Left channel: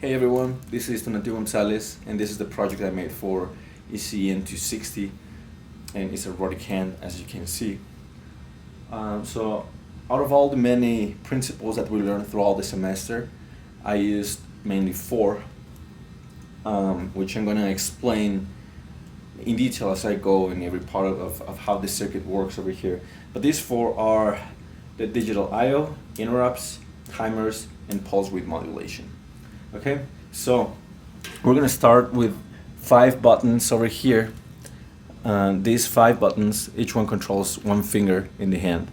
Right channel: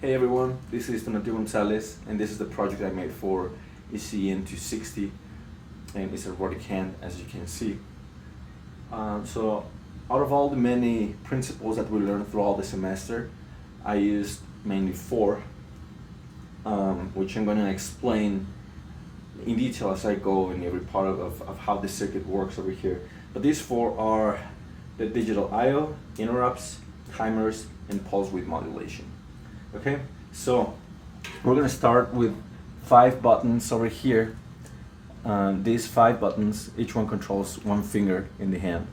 Hey everyone, this is Donatio Gonzalez, and this is the project I made for Ecen 260, and it's a robotic hand, as you can see. So out of all the many principles that we learned throughout the semester, I used mainly four, which I'm going to explain in detail as I go in every part of how the circuit works over here. But these four are the digital I/O, interrupts, timers, and pulse width modulation. Okay, so we're gonna start with 5 buttons over here. These 5 buttons, each one controls one finger in the hand.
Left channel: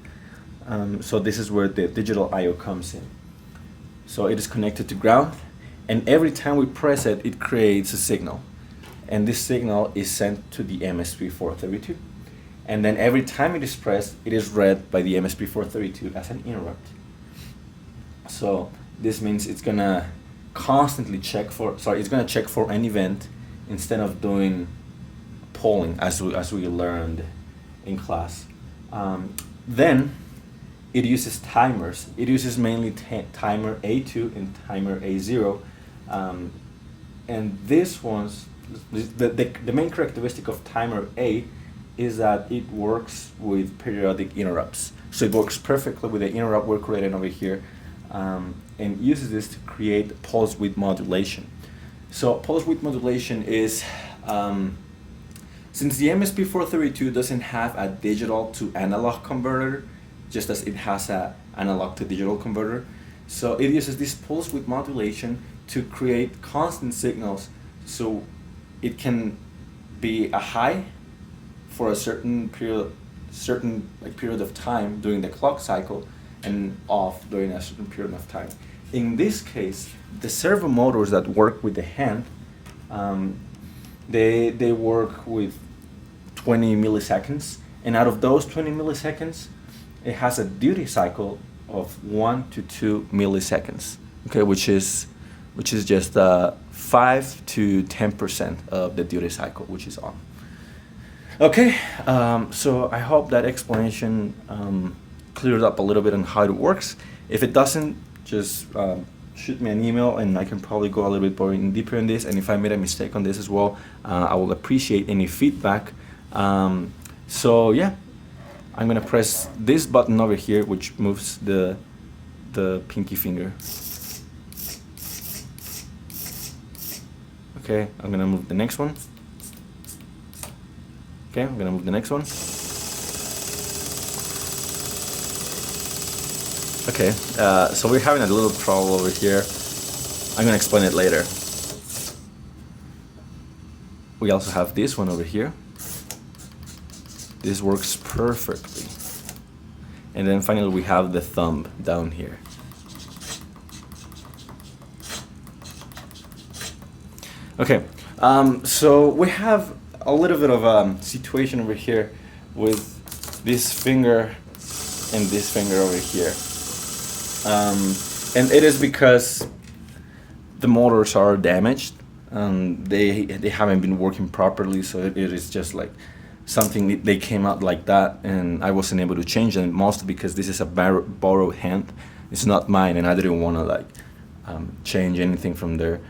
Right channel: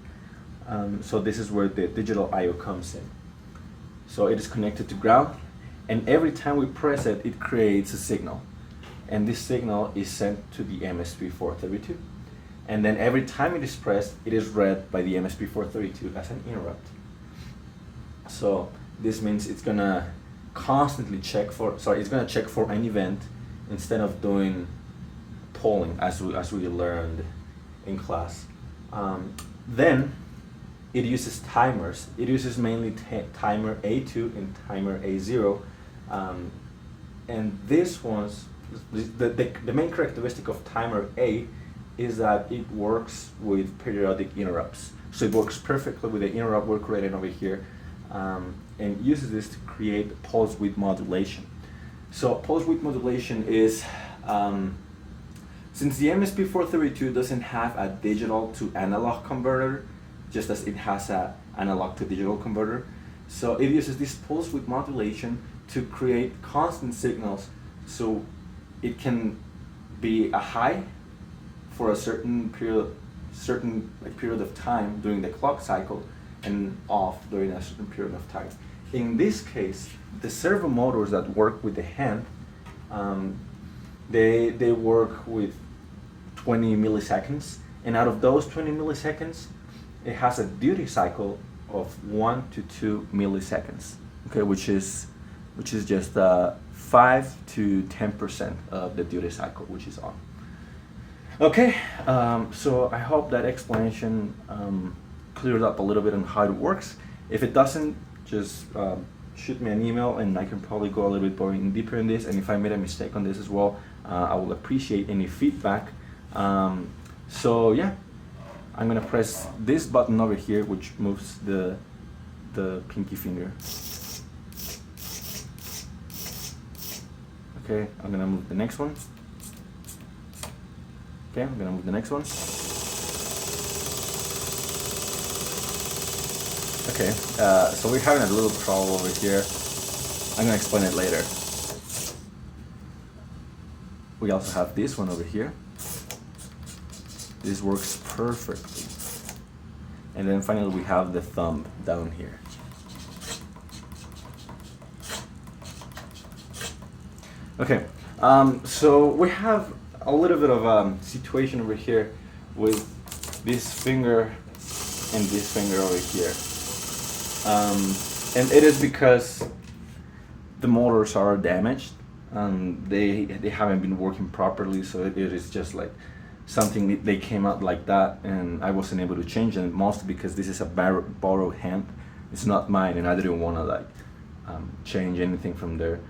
So this is where the digital I/O comes in. So it is connected to ground, and every time we press it, it creates a signal. And this signal is sent to the MSP432. And then every time it is pressed, it is read by the MSP432 as an interrupt. So this means it's gonna constantly check for, it's gonna check for an event instead of doing polling as we learned in class. Then it uses timers. It uses mainly timer A2 and timer A0. And this one's, the main characteristic of timer A is that it works with periodic interrupts. So it works perfectly with the interrupt we're creating over here, and uses this to create pulse width modulation. So pulse width modulation is, since the MSP432 doesn't have a digital to analog converter, just as it has a analog to digital converter, so it uses this pulse width modulation to create constant signals, so it can be a high for a certain period of time during the clock cycle, and off during a certain period of time. In this case, the servo motors that work with the hand, they work with 20 milliseconds, and out of those 20 milliseconds, it has a duty cycle of 1 to 2 milliseconds. Okay, which is just 5 to 10% of the duty cycle, which is on. Okay, so I hope that explanation cleared up a little bit on how it works. If it doesn't, just shoot me an email and I can probably go a little bit more deeper in this. And if I made a mistake on this as well, I will appreciate any feedback. So yeah, I'm gonna press this button over here, which moves the pinky finger. Okay, I'm gonna move the next one. Okay, I'm gonna move the next one. Okay, so we're having a little trouble over here. I'm gonna explain it later. We also have this one over here. This works perfectly. And then finally we have the thumb down here. Okay, so we have a little bit of a situation over here with this finger and this finger over here. And it is because the motors are damaged. They haven't been working properly, so it is just like something, they came out like that, and I wasn't able to change them, mostly because this is a borrowed hand. It's not mine, and I didn't want to like change anything from there.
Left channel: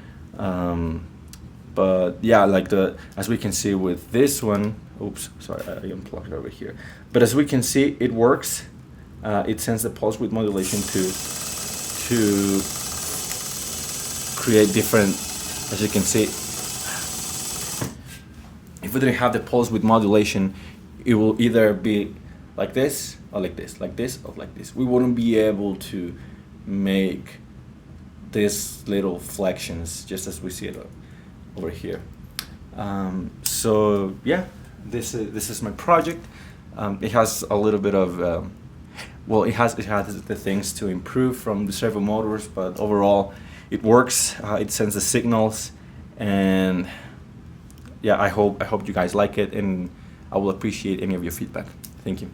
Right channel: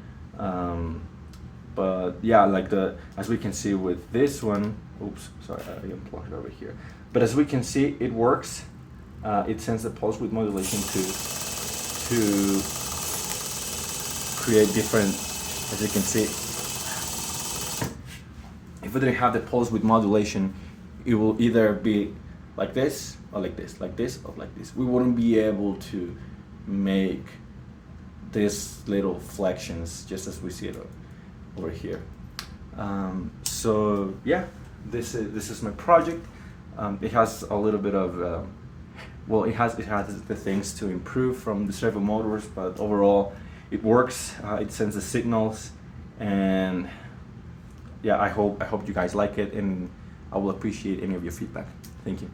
But yeah, like as we can see with this one, oops, sorry, I unplugged it over here. But as we can see, it works. It sends the pulse width modulation to create different, as you can see. If we didn't have the pulse width modulation, it will either be like this, or like this, like this, or like this. We wouldn't be able to make these little flexions, just as we see it over here. So yeah, this is my project. It has a little bit of it has the things to improve from the servo motors, but overall it works. It sends the signals, and yeah, I hope you guys like it, and I will appreciate any of your feedback. Thank you.